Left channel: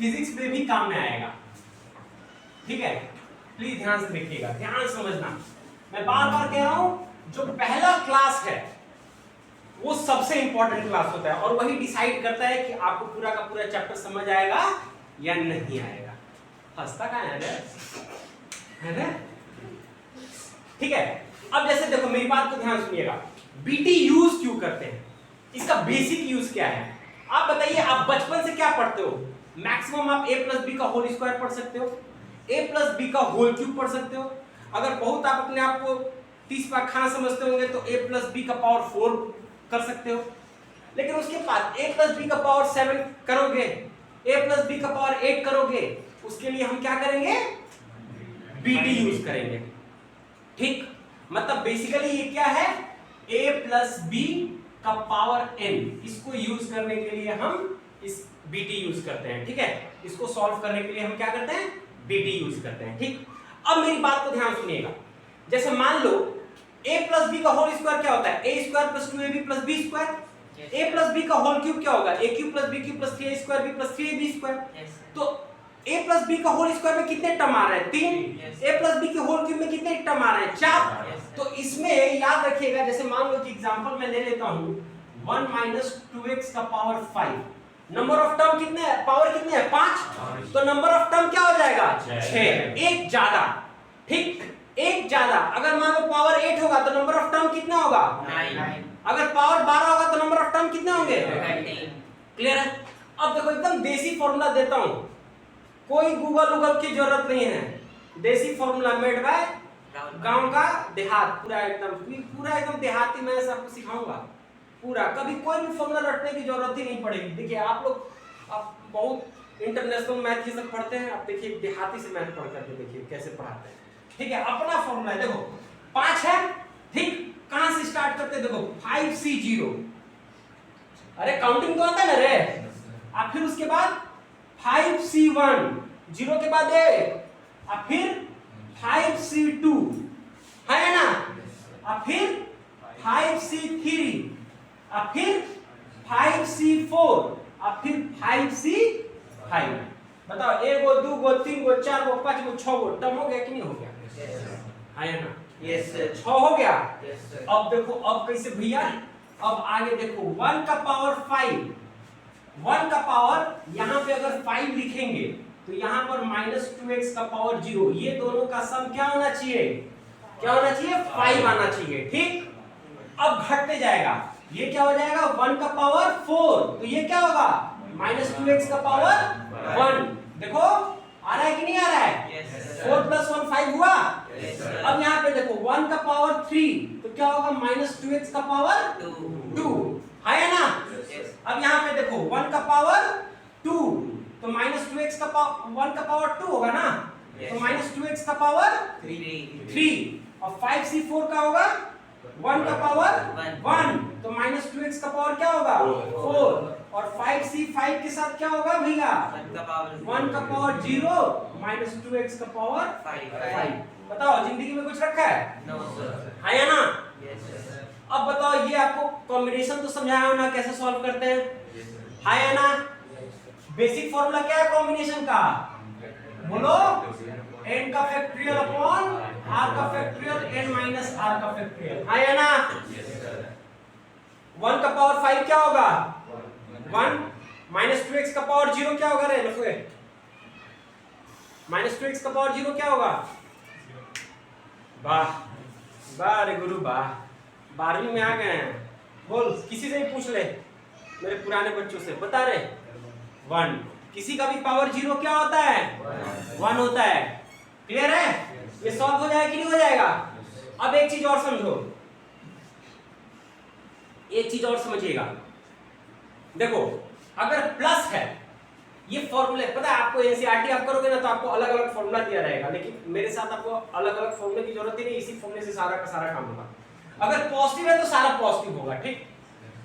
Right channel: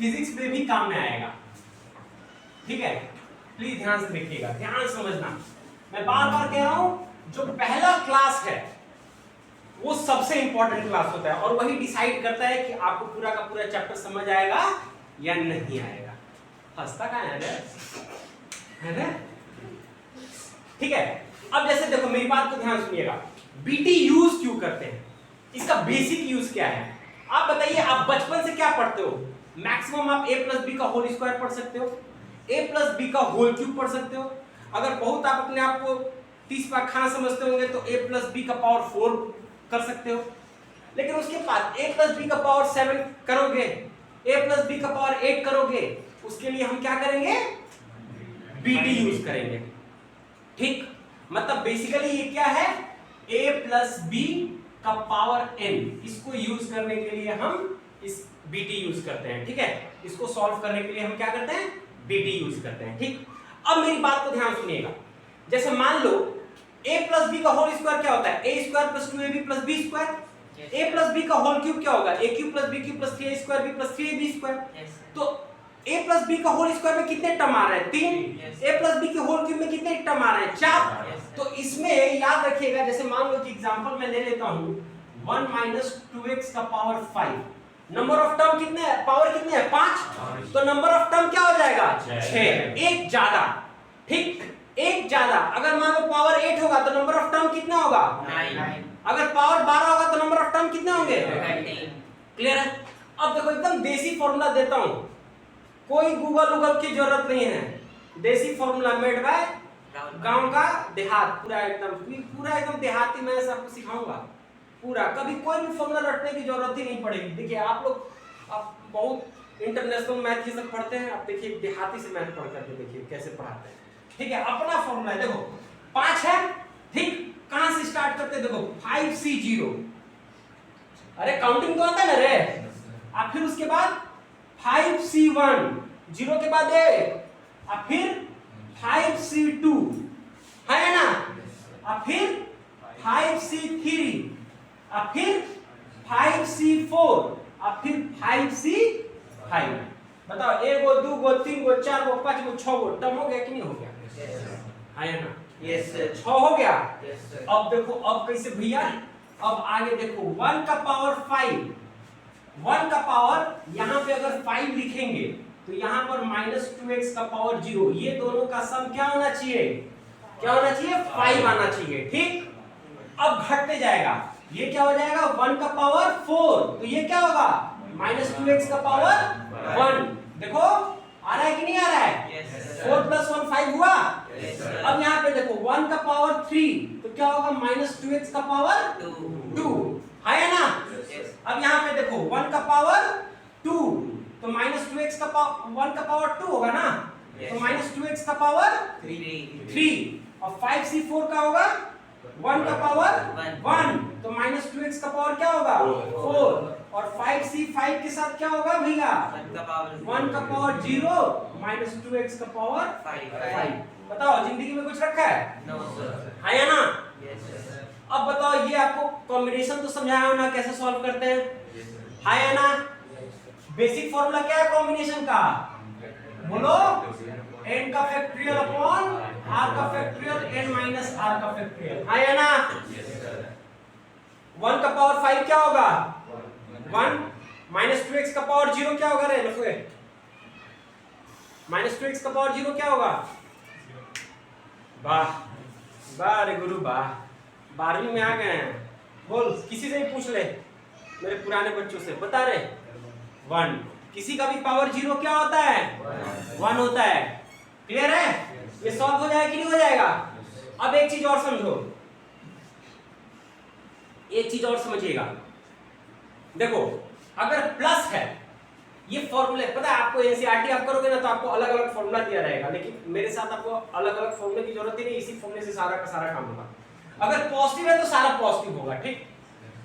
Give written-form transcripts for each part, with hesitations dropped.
Physics में भी काम में आएगा, ठीक है। प्लीज ध्यान से देखिएगा, ध्यान समझना। मैं बार बार कह रहा हूं, जो पहला क्लास है वो सबसे इंपॉर्टेंट क्लास होता है और वही डिसाइड करता है कि आपको पूरा का पूरा चैप्टर समझ आएगा या नहीं आएगा। हंसता कहां है रे? ठीक है। अब जैसे देखो, मेरी बात को ध्यान सुनिएगा, बीटी यूज क्यों करते हैं, इसका बेसिक यूज क्या है आप बताइए। आप बचपन से क्या पढ़ते हो? मैक्सिमम आप a प्लस बी का होल स्क्वायर पढ़ सकते हो, a प्लस बी का होल क्यूब पढ़ सकते हो। अगर बहुत आप अपने आप को 30 पाक खाना समझते होंगे तो a प्लस बी का पावर 4 कर सकते हो। लेकिन उसके बाद a प्लस बी का पावर 7 करोगे, a प्लस बी का पावर 8 करोगे, उसके लिए हम क्या करेंगे? बीटी यूज करेंगे, ठीक। मतलब बेसिकली ये क्या है? a प्लस बी का पावर n, इसको यूज करने के लिए हम इस बीटी यूज करते हैं, ठीक है। इसको सॉल्व करने के लिए हम क्या करते हैं? बीटी यूज करते हैं, ठीक। अब मेरी बात को ध्यान सुनिएगा, जैसे मान लो a प्लस बी का होल स्क्वायर क्या होता है? a square plus 2ab plus b square. a plus B का होल क्यूब क्या होगा? a cube plus b cube plus 3a square b plus 3ab square. तो a प्लस बी का whole square में कितने टर्म आ रहे हैं? 3। a प्लस बी के होल क्यूब में कितने टर्म आ रहे हैं? 4। तो इसमें याद रखिएगा, जैसे मान लो कि एग्जांपल मैं ले लेता हूं 1 माइनस 2x का पावर 5। नंबर ऑफ टर्म कितने है? पावर कितने है? 5। तो नंबर ऑफ टर्म क्या हो जाएगा? 6। एक ज्यादा, ठीक, एक ज्यादा। अगर मान लो पावर 8 होगा तो नंबर ऑफ टर्म कितना होगा? 9। अगर पावर 12 होगा तो नंबर ऑफ टर्म कितने होंगे? 13। क्लियर है? अब देखो, एकदम देसी फॉर्मूला देता हूं, कोई गूगल की जरूरत नहीं है। देसी फॉर्मूला मेड बाय गांव का देहात, पूरा एकदम देहाती मैं सबको सिखाऊंगा पूरा। कभी कोई भी फॉर्मूला रटने की जरूरत ही नहीं पड़ेगी। देखिए आप लोग, आप बहुत इंटरनेशनल मैथ ये सब पढ़ते हैं, आप देखिए देहाती से मैथ पढ़ करके देखिए कैसे पढ़ाते हैं, ठीक है। अपना फॉर्मूला है, देखो 5 है, ठीक। कहां से स्टार्ट करते हैं? देखो 5C0, अरे काउंटिंग तो आता है ना रे। अब फिर उसके बाद 5C1, 0 के बाद 1, अब फिर 5C2, है ना, अब फिर 5C3, अब फिर 5C4, अब फिर 5C5। बताओ 1 गो 2 गो 3 गो 4 गो 5 गो 6 गो टर्म हो गया कि नहीं हो गया? है ना? यस सर, 6 हो गया। अब देखो, अब कैसे भैया? अब आगे देखो 1 का पावर 5, 1 का पावर यहां पे अगर 5 लिखेंगे तो यहां पर -2x का पावर 0, ये दोनों का सम क्या होना चाहिए? क्या होना चाहिए? 5 आना चाहिए, ठीक। अब घटते जाएगा, ये क्या हो जाएगा? 1 का पावर 4, तो ये क्या होगा? -2x का पावर 1। देखो आ रहा है कि नहीं आ रहा है? 4 + 1 5 हुआ। अब यहाँ पे देखो 1 का पावर 3, तो क्या होगा? -2x का पावर 2, है ना? अब यहाँ पे देखो 1 का पावर 2, तो -2x का पावर 1 का पावर 2 होगा ना, तो -2x का पावर 3। और 5C4 का होगा 1 का पावर 1, तो -2x का पावर क्या होगा? 4। और 5C5 के साथ क्या होगा भैया? 1 का पावर 0, -2x का पावर 5। बताओ जिंदगी में कुछ रखा है? है या ना? अब बताओ, ये आपको कॉम्बिनेशन तो समझाया हो ना कैसे सॉल्व करते हैं, है या ना? बेसिक फॉर्मूला क्या है कॉम्बिनेशन का? बोलो, n का फैक्टोरियल अपॉन r का फैक्टोरियल n माइनस r का फैक्टोरियल, है या ना? 1 का पावर 5 क्या होगा? 1। -2x का पावर 0 क्या होगा रे लफुए? -2x का पावर 0 क्या होगा? वाह वाह रे गुरु वाह, 12वीं में आ गए हैं। बोल, किसी से भी पूछ ले, मेरे पुराने बच्चों से, बता रहे 1। किसी का भी पावर 0 क्या होता है? 1 होता है। क्लियर है? ये सॉल्व हो जाएगा कि नहीं हो जाएगा? अब एक चीज और समझो, एक चीज और समझिएगा। देखो अगर प्लस है, ये फॉर्मूले पता है आपको, एनसीईआरटी आप करोगे ना तो आपको अलग अलग फॉर्मूला दिया रहेगा, लेकिन मेरे साथ आपको अलग अलग फॉर्मूले की जरूरत ही नहीं, इसी फॉर्मूले से सारा का सारा काम होगा। अगर पॉजिटिव है तो सारा पॉजिटिव होगा, ठीक।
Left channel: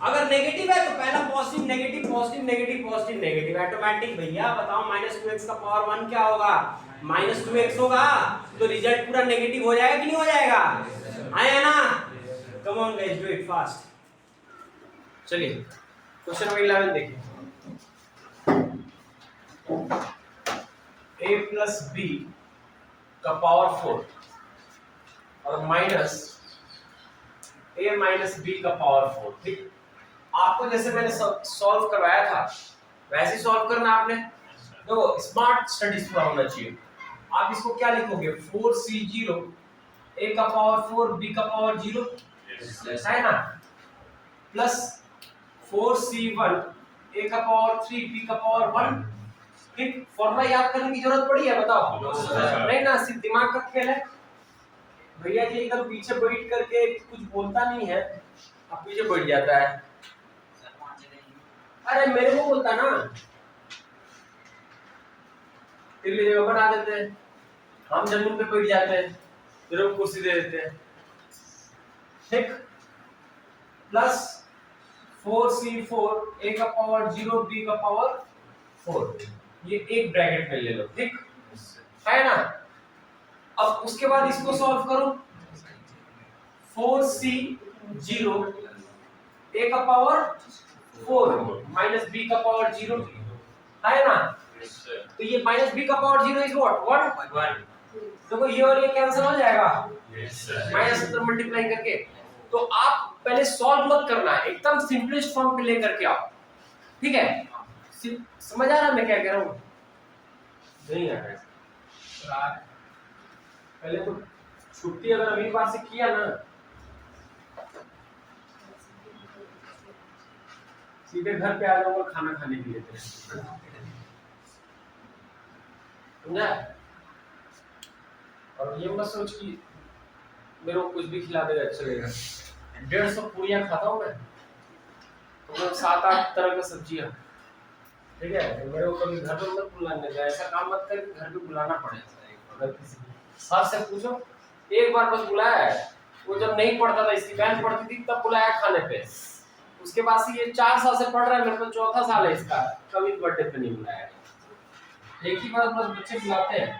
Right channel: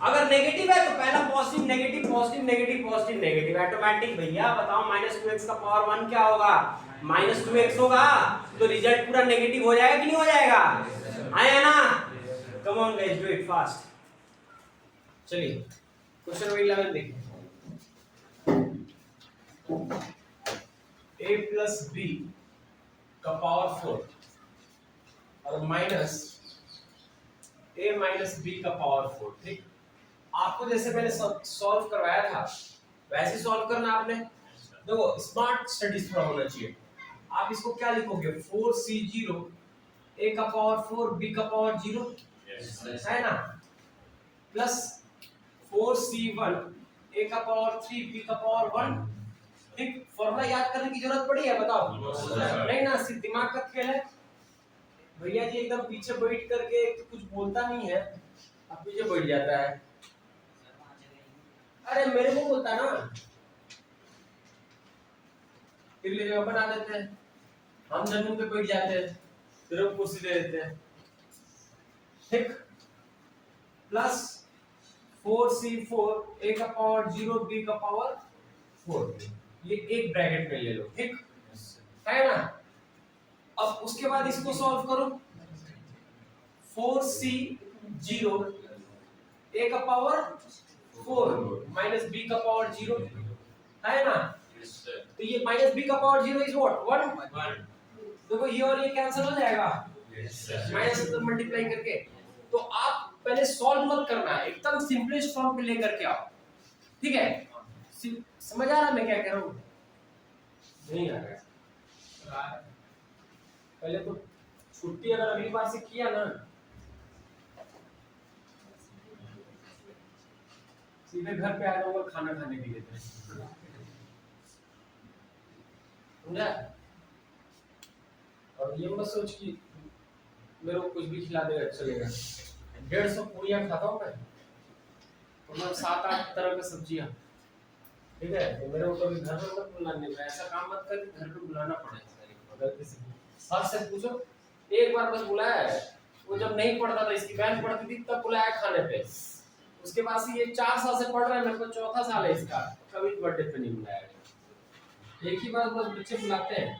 अगर नेगेटिव है तो पहला positive negative positive negative positive negative, automatic भैया। बताओ -2x का पावर 1 क्या होगा? -2x होगा, तो रिजल्ट पूरा नेगेटिव हो जाएगा कि नहीं हो जाएगा? है ना? Come on guys, do it fast. चलिए क्वेश्चन नंबर 11 देखिए। ए प्लस बी का पावर 4 और माइनस ए माइनस बी का पावर 4। ठीक, आपको जैसे मैंने सॉल्व करवाया था वैसे सॉल्व करना आपने। देखो स्मार्ट स्टडीज पूरा होना चाहिए। आप इसको क्या लिखोगे 4c0 ए का पावर 4 बी का पावर 0 है ना, प्लस 4c1 ए का पावर 3 बी का पावर 1। ठीक, फॉर्मूला याद करने की जरूरत पड़ी है बताओ? नहीं ना, सिर्फ दिमाग का खेल है। भैया जी एकदम पीछे बैठ करके कुछ बोलता नहीं है, अब पीछे बैठ जाता है। अरे मेरे को बोलता ना, तिल्ली जगह बना देते हैं, हम जमीन पे बैठ जाते हैं, फिर हम कुर्सी दे देते हैं। ठीक, प्लस 4c4 ए का पावर 0 बी का पावर 4, ये एक ब्रैकेट में ले लो। ठीक है ना, अब उसके बाद इसको सॉल्व करो। 4c0 ए का पावर 4 माइनस बी का पावर 0 है ना, तो ये माइनस बी का पावर 0 इज व्हाट 1। देखो ये और ये कैंसिल हो जाएगा माइनस से मल्टीप्लाई करके। तो आप पहले सॉल्व मत करना है, एकदम सिंपलेस्ट फॉर्म पे लेकर के आओ। ठीक है, समझ आ रहा मैं क्या कह रहा हूँ? नहीं आ रहा है। पहले तो छुट्टी अगर अगली बार से किया ना, सीधे घर पे आ जाओ और खाना खाने के लिए समझा? और ये मत सोच कि मेरे को कुछ भी खिला देगा चलेगा। 150 पूरियां खाता हूँ मैं, तो मैं 7-8 तरह का सब्जियां। ठीक है, तो मेरे को कभी घर पे मत बुलाने का, ऐसा काम मत कर घर पे बुलाना पड़े। अगर किसी सर से पूछो, एक बार बस बुलाया है, वो जब नहीं पढ़ता था, इसकी बहन पढ़ती थी तब बुलाया खाने पे। उसके बाद से ये 4 साल से पढ़ रहा है, मेरे को 4था साल है इसका, कभी बर्थडे पे नहीं बुलाया। एक ही बार बस बच्चे बुलाते हैं।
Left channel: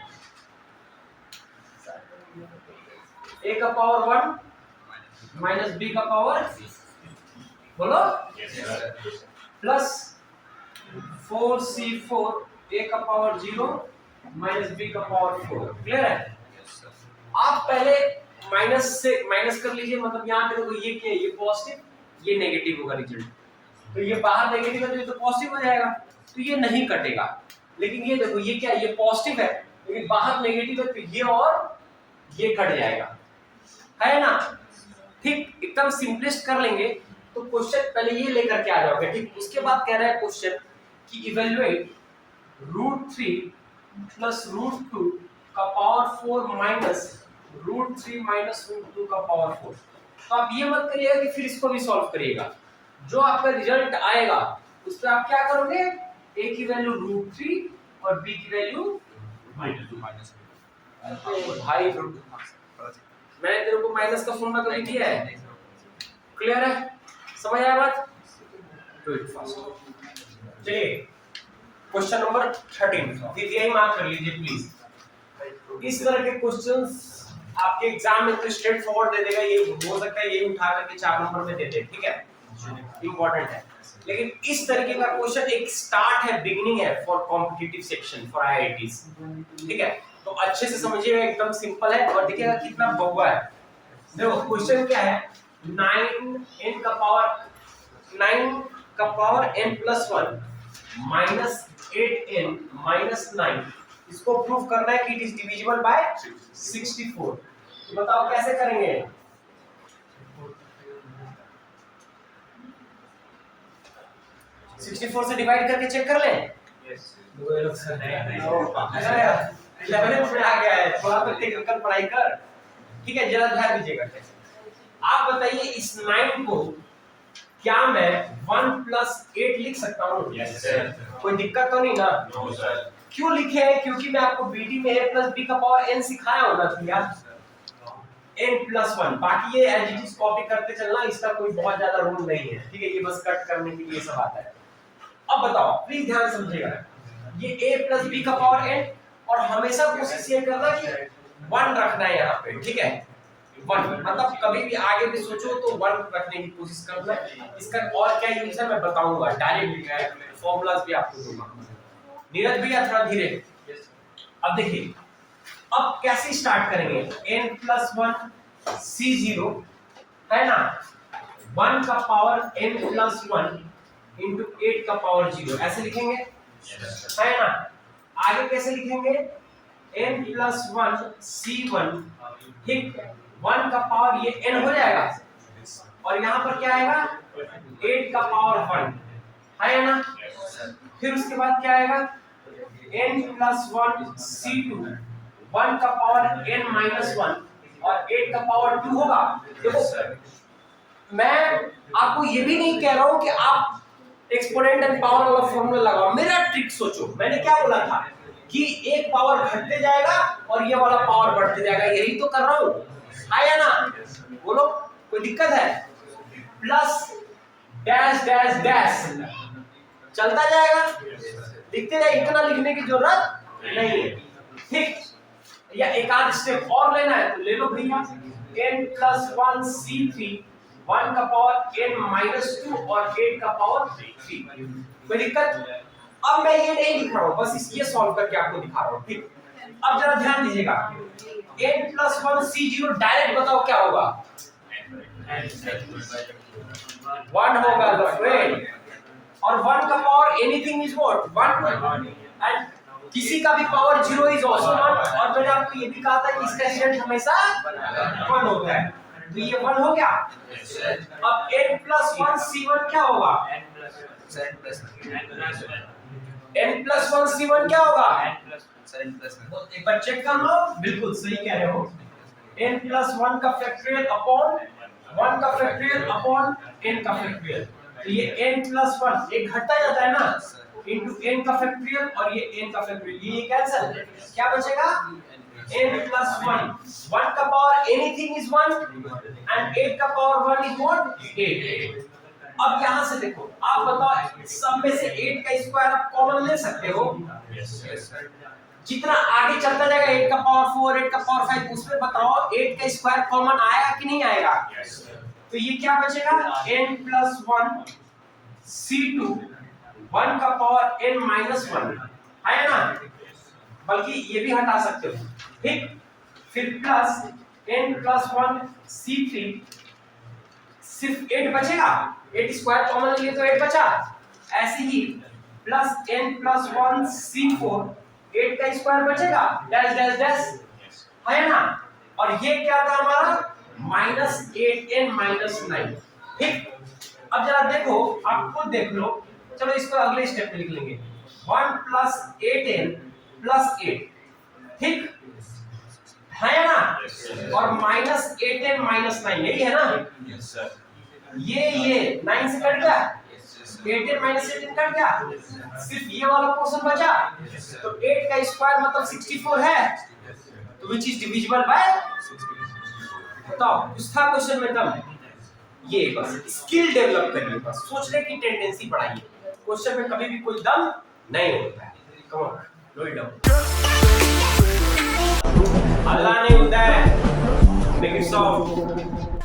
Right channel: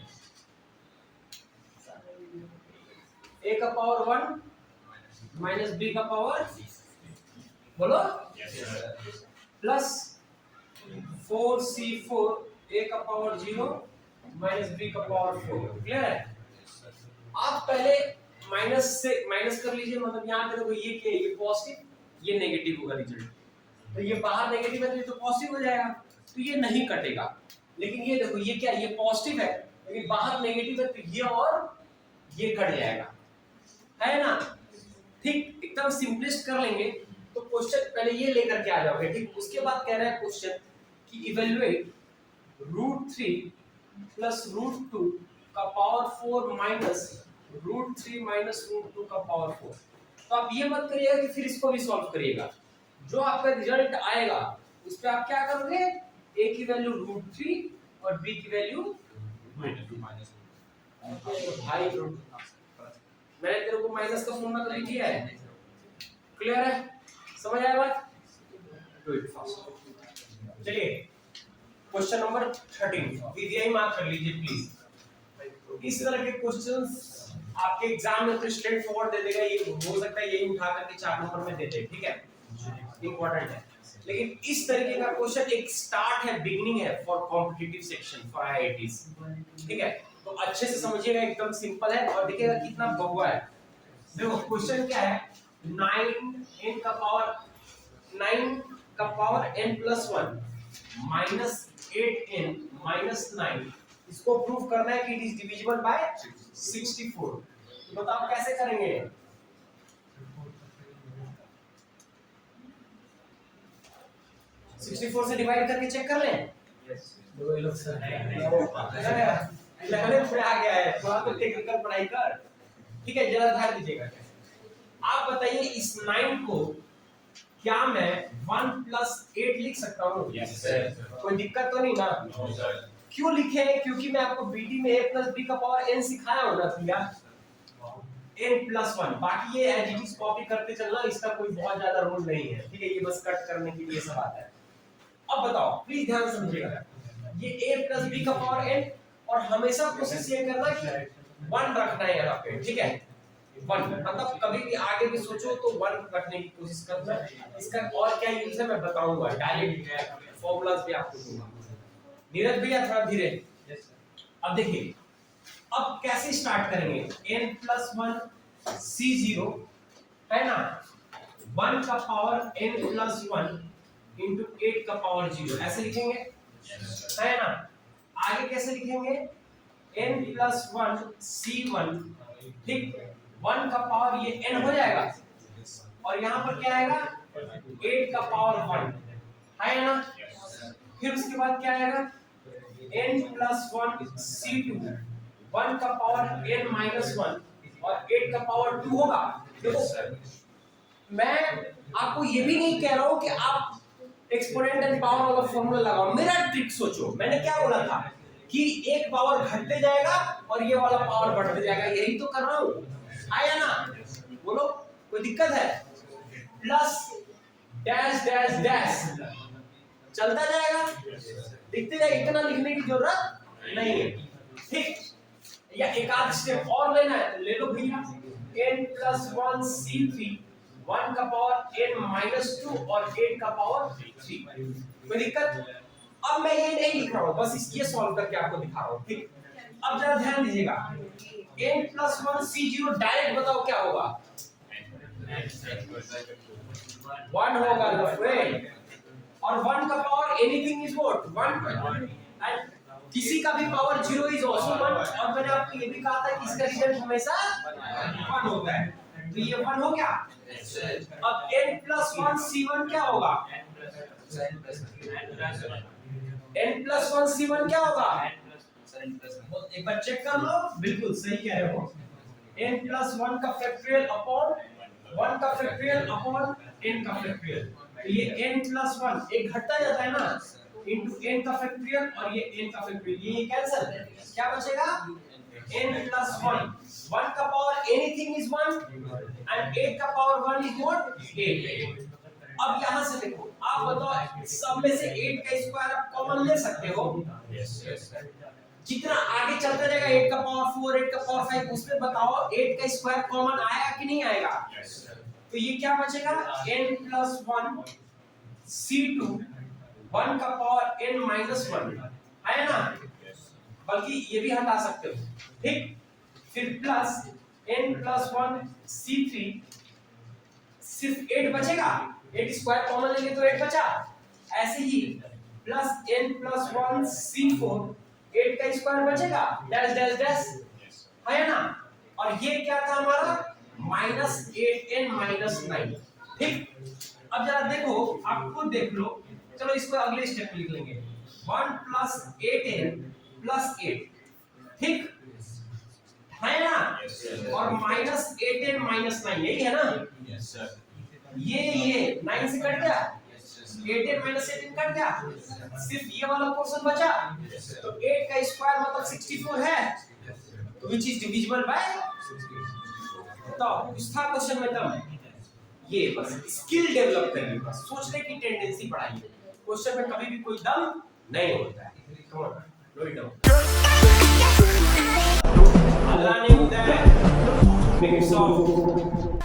ए का पावर 1 माइनस बी का पावर बोलो प्लस 4c4 ए का पावर 0 माइनस बी का पावर 4। क्लियर है? आप पहले माइनस से माइनस कर लीजिए, मतलब यहाँ पे देखो ये क्या है, ये पॉजिटिव ये नेगेटिव होगा रिजल्ट, तो ये बाहर नेगेटिव है तो पॉजिटिव हो जाएगा, तो ये नहीं कटेगा। लेकिन ये देखो ये क्या है, ये पॉजिटिव है लेकिन बाहर नेगेटिव है, तो ये और ये कट जाएगा, है ना? ठीक, एकदम सिंपलेस्ट कर लेंगे तो क्वेश्चन पहले ये लेकर के आ जाओगे। ठीक, उसके बाद कह रहा है क्वेश्चन कि इवैल्यूएट √3 प्लस √2 का पावर 4 माइनस √3 माइनस √2 का पावर 4। तो आप ये मत करिएगा कि फिर इसको भी सॉल्व करिएगा, जो आपका रिजल्ट आएगा उस पे आप क्या करोगे, a की वैल्यू √3 और b की वैल्यू माइनस। भाई मैंने तेरे को माइनस का फॉर्मूला कभी दिया है? क्लियर है? समझ आया बात? Do it fast. चलिए क्वेश्चन नंबर 13 यही मार्क कर लीजिए प्लीज। इस तरह के क्वेश्चंस आपके एग्जाम में तो स्ट्रेट फॉरवर्ड दे देगा, ये हो सकता है यही उठा करके 4 नंबर में दे दे। ठीक है, इंपॉर्टेंट है, लेकिन इस तरीके का क्वेश्चन एक स्टार्ट है, बिगिनिंग है for competitive section for IITs. ठीक है, तो अच्छे से समझिएगा, एकदम सिंपल है और देखिएगा कितना बहुआ है। देखो क्वेश्चन क्या है, 9n का power n plus 1 minus 8n minus 9, इसको प्रूव करना है कि इट इज डिविजिबल बाय 64। तो बताओ कैसे करेंगे? yes. 64 से डिवाइड करके चेक कर लें। yes. 11 में आ गया है, थोड़ा तो टेक्निकल पढ़ाई कर। ठीक है, जरा ध्यान दीजिएगा। आप बताइए इस 9 को क्या मैं 1 प्लस 8 लिख सकता हूँ? yes, कोई दिक्कत तो नहीं ना? no, sir. क्यों लिखे हैं? क्योंकि मैं आपको बीटी में a प्लस b का पावर n सिखाया होना भैया, n प्लस 1। बाकी ये एज इट इज कॉपी करते चलना, इसका कोई बहुत ज्यादा रूल नहीं है। ठीक है, ये बस कट करने के लिए सब आता है। अब बताओ प्लीज ध्यान समझिएगा, ये a प्लस b का पावर n, और हमेशा कोशिश ये करना कि 1 रखना है यहाँ पे। ठीक है, 1 मतलब कभी भी आगे भी सोचो तो 1 रखने की कोशिश करना है। इसका और क्या यूज है मैं बताऊंगा, डायरेक्ट फॉर्मूलाज भी आपको दूंगा। नीरज भैया थोड़ा धीरे। अब देखिए, अब कैसे स्टार्ट करेंगे, n+1 C0 है ना, 1 का पावर n+1 इंटू 8 का पावर 0 ऐसे लिखेंगे है ना। आगे कैसे लिखेंगे, n+1 C1 ठीक, 1 का पावर ये n हो जाएगा और यहाँ पर क्या आएगा 8 का पावर 1 है ना। फिर उसके बाद क्या आएगा n+1 C2 1 का पावर n-1 और 8 का पावर 2 होगा। देखो मैं आपको ये भी नहीं कह रहा हूं कि आप एक्सपोनेंट एंड पावर वाला फॉर्मूला लगाओ, मेरा ट्रिक सोचो। मैंने क्या बोला था कि एक पावर घटते जाएगा और ये वाला पावर बढ़ते जाएगा, यही तो कर रहा हूं, है ना। बोलो कोई दिक्कत है, प्लस डैश डैश डैश चलता जाएगा, लिखते जाए, इतना लिखने की जरूरत नहीं है ठीक। या एक आध स्टेप और लेना है तो ले लो भैया, n+1 C3 1 का पावर n-2 और 8 का पावर 3, कोई दिक्कत। अब मैं ये नहीं लिख रहा हूं, बस ये सॉल्व करके आपको दिखा रहा हूं ठीक। अब जरा ध्यान दीजिएगा, n+1 C0 डायरेक्ट बताओ क्या होगा, 1 होगा द फ्रेंड, और 1 का power anything is what 1 and किसी का भी पावर 0 इज आल्सो 1। और मैंने आपको ये भी कहा था कि इसका स्टैंड हमेशा 1 होता है, तो ये 1 हो गया। अब n+1 C1 क्या होगा, n+1 C1 क्या होगा, एक बार चेक कर लो, बिल्कुल सही कह रहे हो, n+1 का फैक्टोरियल अपॉन 1 का फैक्टोरियल अपॉन n का फैक्टोरियल, तो ये n+1 एक घटता जाता है ना, इंटू n का फैक्टोरियल और ये n का फैक्टोरियल, ये कैंसिल, क्या बचेगा n+1 1 का पावर एनीथिंग इज 1 एंड 8 का पावर 1 इज व्हाट 8। अब यहां से देखो, आप बताओ सब में से 8 का स्क्वायर आप कॉमन ले सकते हो, जितना आगे चलता जाएगा 8 का पावर 4 8 का पावर 5 उसमें बताओ 8 का स्क्वायर कॉमन आया कि नहीं आएगा, तो ये क्या बचेगा n+1 C2 1 का पावर n-1 है ना, बल्कि ये भी हटा सकते हो ठीक। फिर प्लस n+1 C3 सिर्फ 8 बचेगा, 8 स्क्वायर कॉमन ले लिए तो 8 बचा, ऐसे ही प्लस n+1 C4 8 का स्क्वायर बचेगा डैश डैश डैश है ना। और ये क्या था हमारा -8n-9 ठीक। अब जरा देखो, आप खुद देख लो, चलो इसको अगले स्टेप पे लिख लेंगे, 1 + 8n + 8 ठीक है ना, और -8n-9 यही है ना, ये 9 से कट गया, 8n - 8n कट गया, सिर्फ ये वाला पोर्शन बचा, तो 8 का स्क्वायर मतलब 64 है, तो व्हिच इज डिविजिबल बाय, तो उस था क्वेश्चन में तब ये बस स्किल डेवलप करिए, बस सोचने की टेंडेंसी बढ़ाइए, क्वेश्चन में कभी भी कोई दम नहीं होता है। Come on low it down, Allah नहीं होता है, मेक इट सॉफ्ट।